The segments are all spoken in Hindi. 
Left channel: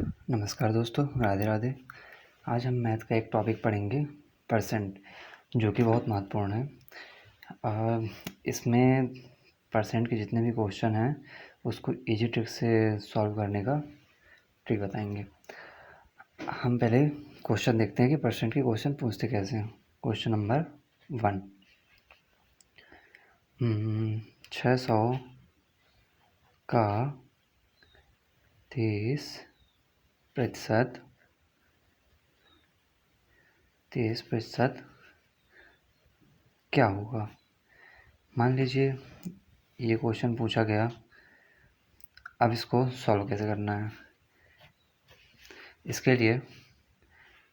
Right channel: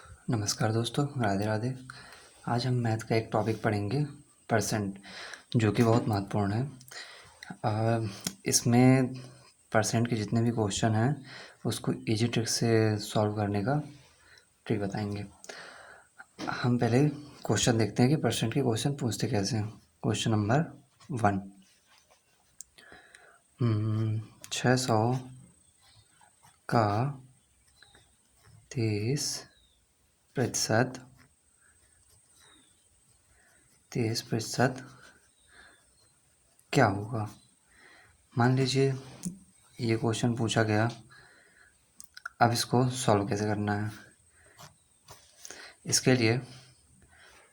नमस्कार दोस्तों, राधे राधे। आज हम मैथ का एक टॉपिक पढ़ेंगे, परसेंट, जो कि बहुत महत्वपूर्ण है। इसमें परसेंट के जितने भी क्वेश्चन हैं उसको इजी ट्रिक से सॉल्व करने का ट्रिक बताएंगे। हम पहले क्वेश्चन देखते हैं कि परसेंट के क्वेश्चन पूछते कैसे हैं। क्वेश्चन नंबर 1, 600 का 30% क्या होगा। मान लीजिए ये क्वेश्चन पूछा गया, अब इसको सॉल्व कैसे करना है। इसके लिए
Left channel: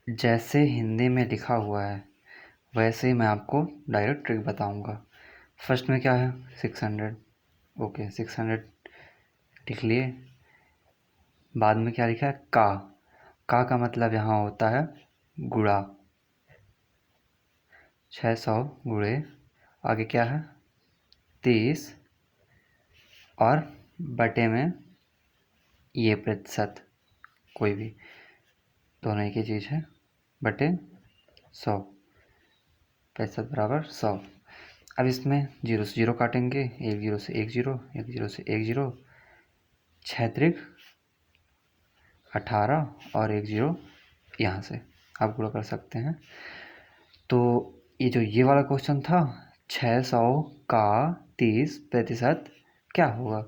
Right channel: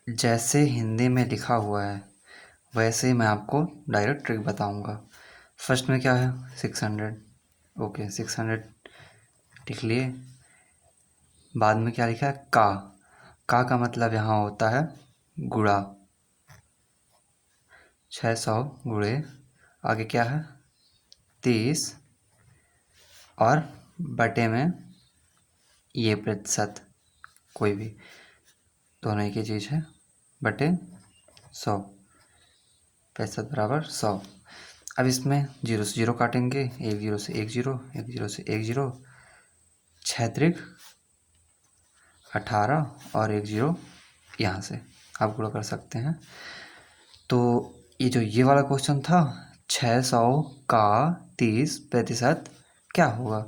जैसे हिंदी में लिखा हुआ है वैसे ही मैं आपको डायरेक्ट ट्रिक बताऊंगा। फर्स्ट में क्या है 600, ओके 600 लिख लिए। बाद में क्या लिखा है का मतलब यहाँ होता है गुणा, 600 गुणे आगे क्या है 30 और बटे में ये प्रतिशत, कोई भी दोनों एक ही चीज़ है, बटे 100, प्रतिशत बराबर 100। अब इसमें 0 से 0 काटेंगे, 1 0 से 1 0, 1 0 से 1 0, 6 त्रिक 18 और 1 0 यहाँ से आप गुणा कर सकते हैं। तो ये वाला क्वेश्चन था 600 का 30% क्या होगा,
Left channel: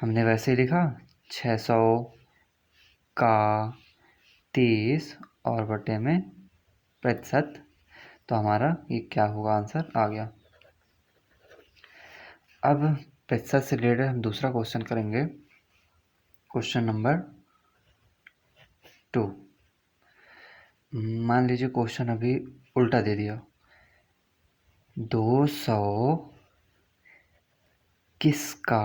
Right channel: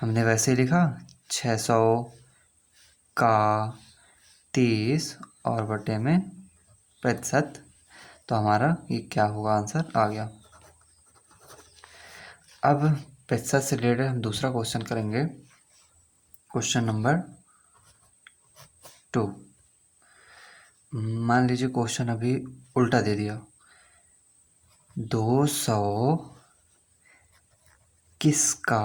हमने वैसे ही लिखा 600 का 30 और बटे में प्रतिशत, तो हमारा ये क्या होगा, आंसर आ गया। अब प्रतिशत से रिलेटेड हम दूसरा क्वेश्चन करेंगे, क्वेश्चन नंबर 2। मान लीजिए क्वेश्चन अभी उल्टा दे दिया, 200 किसका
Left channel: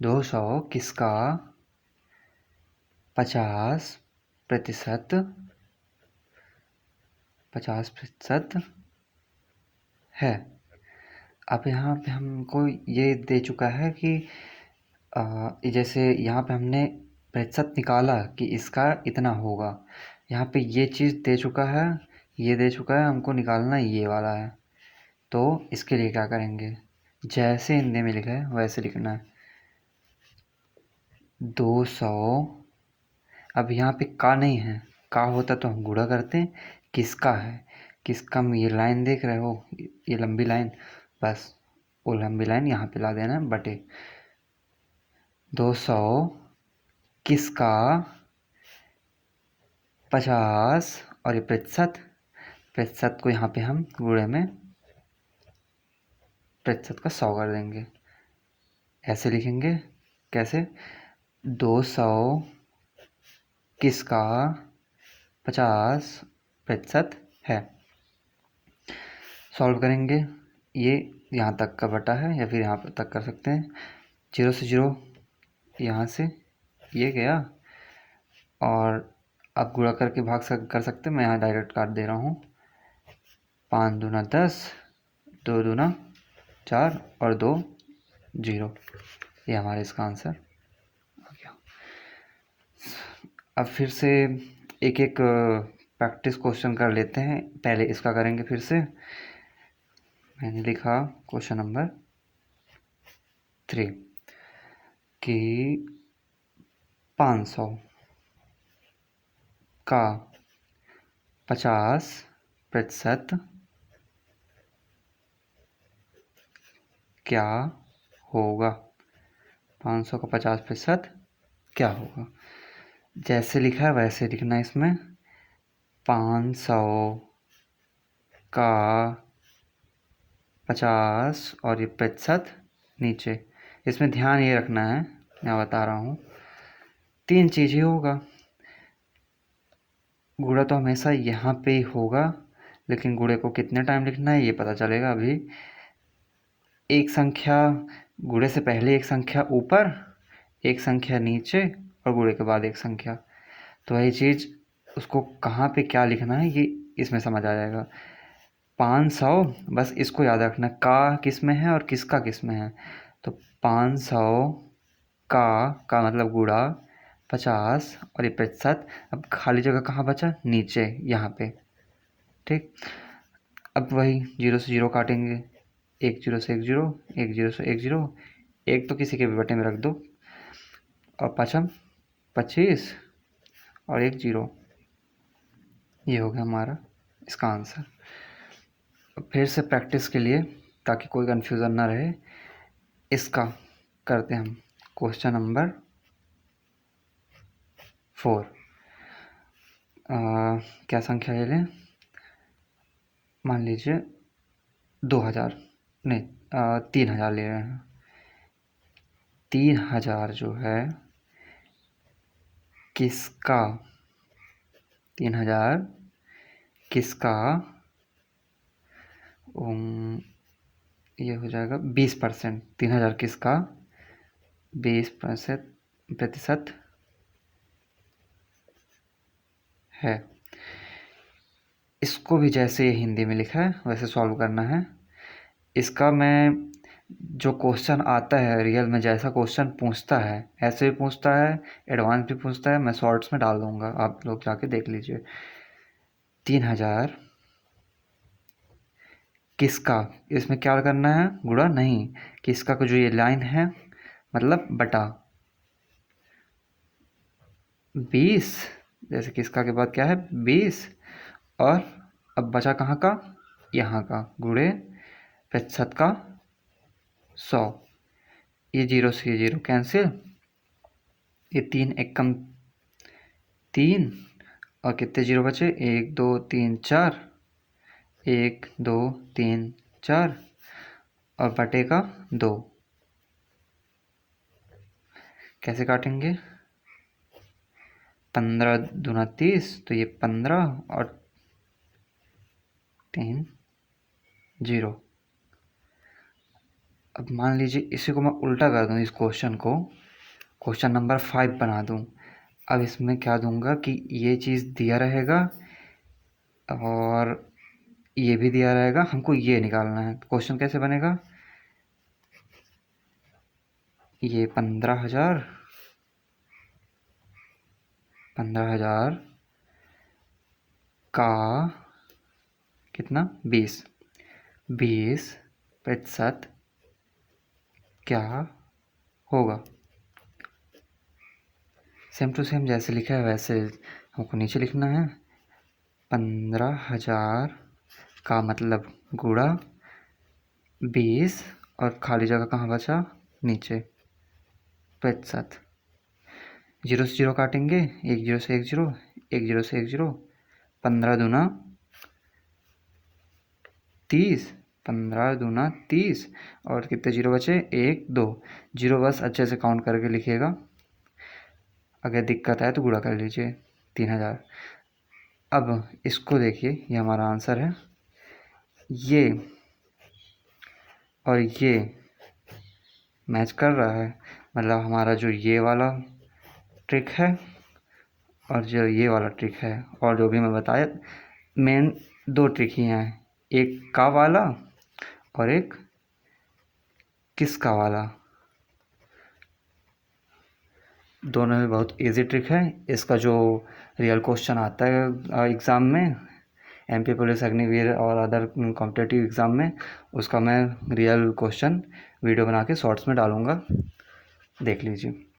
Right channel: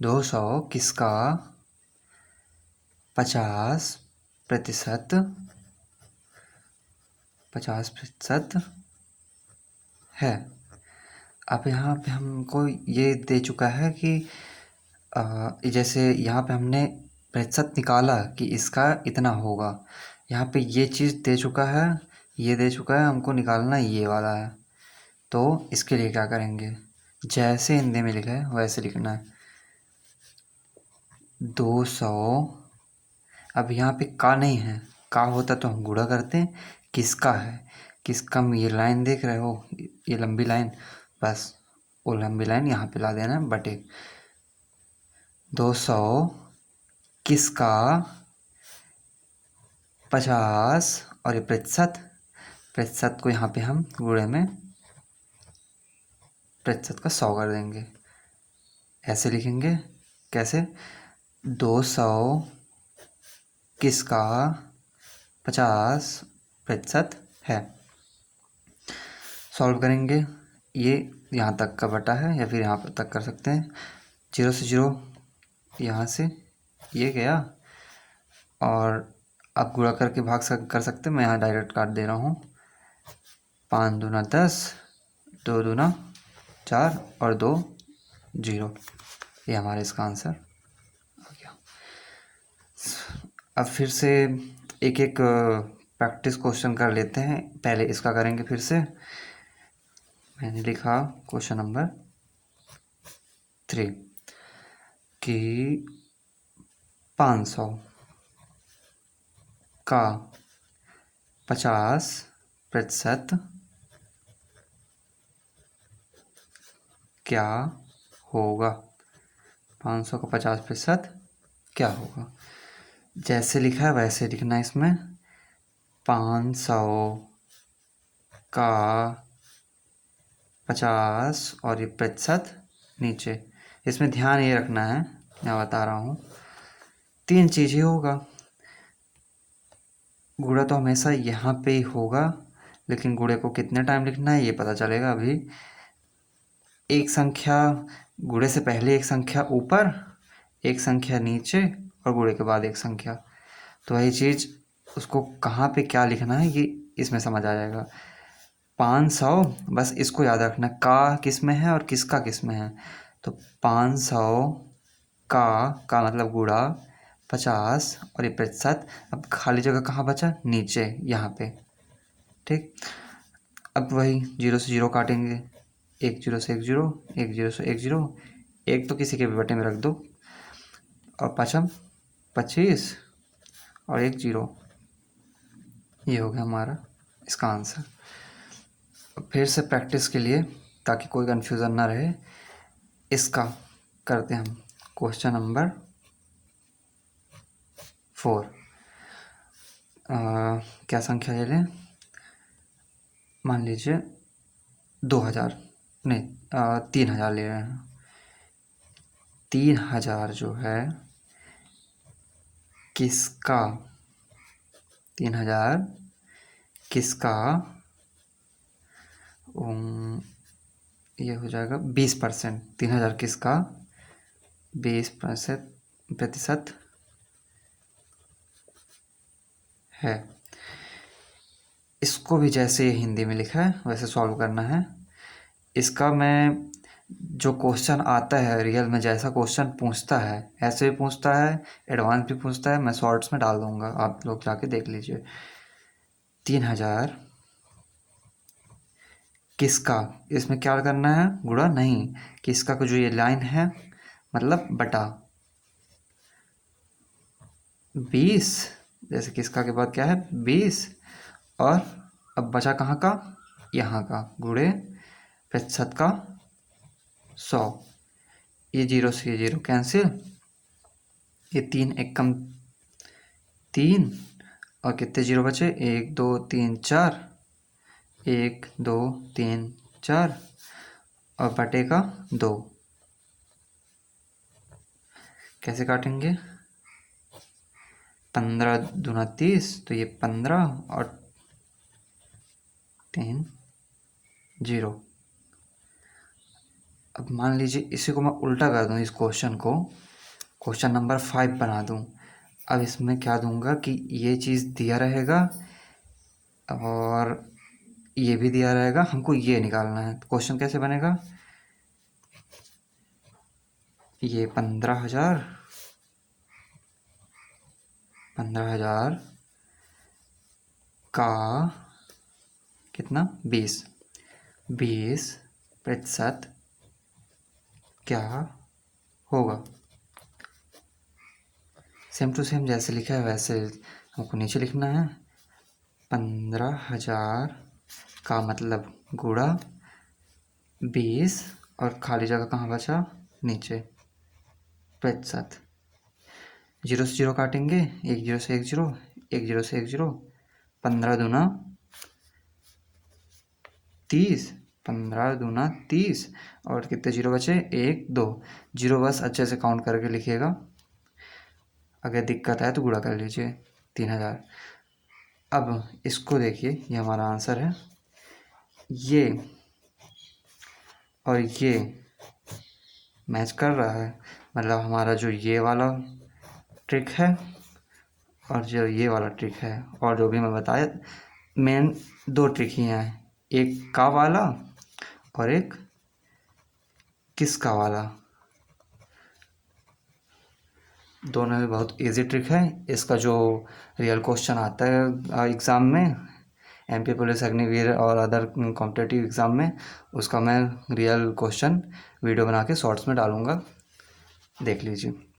50% है। अब यहाँ पे हमको ये दे चुका है कि जैसे यहाँ पे हमने प्रतिशत निकाला कि इसका इतना होगा, यहाँ पे ये चीज़ दे चुका है, ये दे चुका है, हमको निकालना ये वाला है। तो इसके लिए क्या करेंगे, जैसे हिंदी में लिखा है वैसे लिखना है 200। अब यहाँ पे का नहीं है, का होता तो हम गुणा करते हैं, किसका है, किसका में ये लाइन देख रहे हो, ये लंबी लाइन, बस वो लंबी लाइन यहाँ पे ला देना है, बटे 200 किसका 50 और ये प्रतिशत को यहाँ पे हम गुणे में प्रतिशत का 100 कर देंगे। ऐसे लिखेंगे, कैसे 200 किसका 50% है। सॉल्व करेंगे, ये यहाँ तक का बटा है या फिर यहाँ पर तक कर सकते हैं, 0 से 0 यहाँ से ये गया, और आप गुणा करके कर सकते हैं, मैं यहाँ डायरेक्ट काट दे रहा हूँ। 5 दूना 10, 2 दूना 4 और 2 0, ये हमारा इसका आंसर आ गया। अब फिर से एक एक प्रैक्टिस क्वेश्चन कर लेते हैं, पहले इसका करेंगे फिर से। मैंने लिखा क्वेश्चन नंबर 3 कि 500 का 50% क्या होगा। 500 का 50% क्या होगा, जैसे लिखा है वैसे लिखना है। इसमें 500 का 50 और ये प्रतिशत नीचे, इसमें ध्यान ये रखना है, मैं बता रहा हूँ 3 चीज़ें होगा। गुणा तो हमेशा यहाँ पे ही होगा, लेकिन गुणे को कितने टाइम लिखना है ये पता चलेगा अभी। एक संख्या गुणे से पहले एक संख्या ऊपर, एक संख्या नीचे और गुणे के बाद एक संख्या, तो वही चीज़ उसको कहाँ पे क्या लिखना है ये इसमें समझ आ जाएगा। 500, बस इसको याद रखना है, का किस में है और किसका किस में है। तो 500 का मतलब गुणा 50 और ये प्रतिशत। अब खाली जगह कहाँ बचा? नीचे यहाँ पे। ठीक, अब वही 0 से 0 काटेंगे, 1 0 से 1 0, 1 0 से 1 0, एक तो किसी के भी बटे में रख दो, और पचम 25 और 1 0। ये हो गया हमारा इसका आंसर। फिर से प्रैक्टिस के लिए, ताकि कोई कन्फ्यूज़न ना रहे, इसका करते हैं हम क्वेश्चन नंबर 4। क्या संख्या ले लें? मान लीजिए 2000, नहीं 3000 ले रहे हैं। 3000 जो है किसका, 3000 किसका, ये हो जाएगा 20%। 3000 किसका 20% है। इसको भी जैसे हिंदी में लिखा है वैसे सॉल्व करना है। इसका मैं जो क्वेश्चन आता है रियल में, जैसा क्वेश्चन पूछता है ऐसे भी पूछता है, एडवांस भी पूछता है, मैं शॉर्ट्स में डाल दूंगा, आप लोग जाके देख लीजिए। 3000 किसका, इसमें क्या करना है? गुणा नहीं, किसका को जो ये लाइन है मतलब बटा 20, जैसे किसका के बाद क्या है 20, और अब बचा कहाँ का? यहाँ का, गुणे प्रतिशत का 100। ये 0 से ये 0 कैंसिल, ये 3 एक कम 3, और कितने 0 बचे? 1 2 3 4, 1 2 3 4, और बटे का 2। कैसे काटेंगे? 15 दूना 30, तो ये 15 और 3 0। अब मान लीजिए इसी को मैं उल्टा कर दूं, इस क्वेश्चन को क्वेश्चन नंबर 5 बना दूं। अब इसमें क्या दूंगा कि ये चीज़ दिया रहेगा और ये भी दिया रहेगा, हमको ये निकालना है। क्वेश्चन कैसे बनेगा? ये 15,000 का कितना 20% क्या होगा। सेम टू सेम जैसे लिखा है वैसे हमको नीचे लिखना है। 15,000 का मतलब गुणा 20, और खाली जगह कहाँ बचा? नीचे प्रतिशत। 0 से 0 काटेंगे, 1 0 से 1 0, 1 0 से 1 0, 15 दूना 30, 15 दूना 30, और कितने 0 बचे? 1 2 0। बस अच्छे से काउंट करके लिखिएगा, अगर दिक्कत आए तो गुणा कर लीजिए। 3000। अब इसको देखिए, ये हमारा आंसर है। ये और ये मैच कर रहा है, मतलब हमारा जो ये वाला ट्रिक है और जो ये वाला ट्रिक है, और जो भी मैं बताया, मेन 2 ट्रिक ही हैं, एक का वाला और एक किसका वाला। दोनों में बहुत इजी ट्रिक है। इसका जो रियल क्वेश्चन आता है एग्ज़ाम में, एमपी पुलिस, अग्निवीर और अदर कॉम्पिटेटिव एग्ज़ाम में, उसका मैं रियल क्वेश्चन वीडियो बना के शॉर्ट्स में डालूँगा, देख लीजिए।